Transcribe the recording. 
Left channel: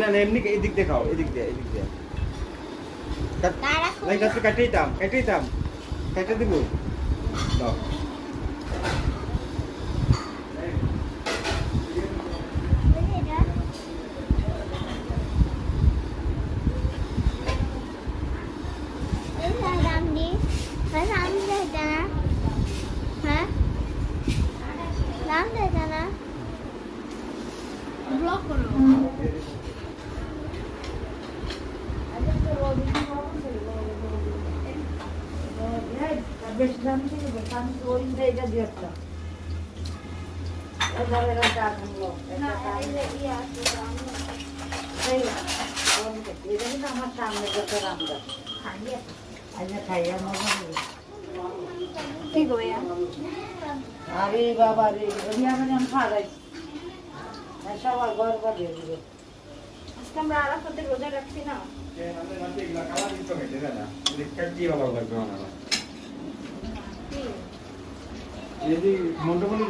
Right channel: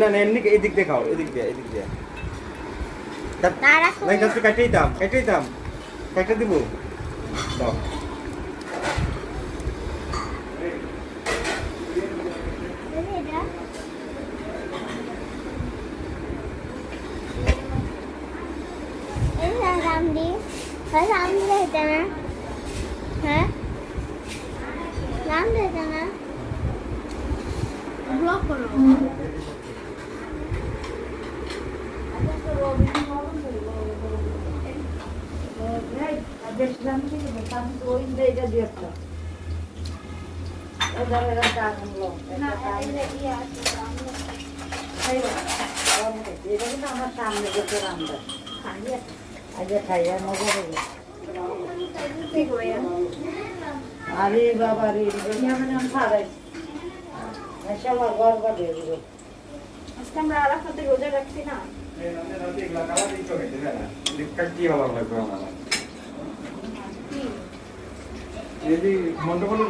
না না এমনি এদিক দিয়ে খাও, এদিক দিয়ে লাইক আজকে কাটেই দাম কেটে দিব দাও। ব্লক করো আমার সামনে যেতে রান্না খাইয়া মজা হবে। ঠিক ভাইয়া আরে বাবা রে ফারাইছি সবার গর্ব দিয়ে দিল। আজকে আমরা আরাফাতে রোজা রাখছি না। যদি মন্ডপল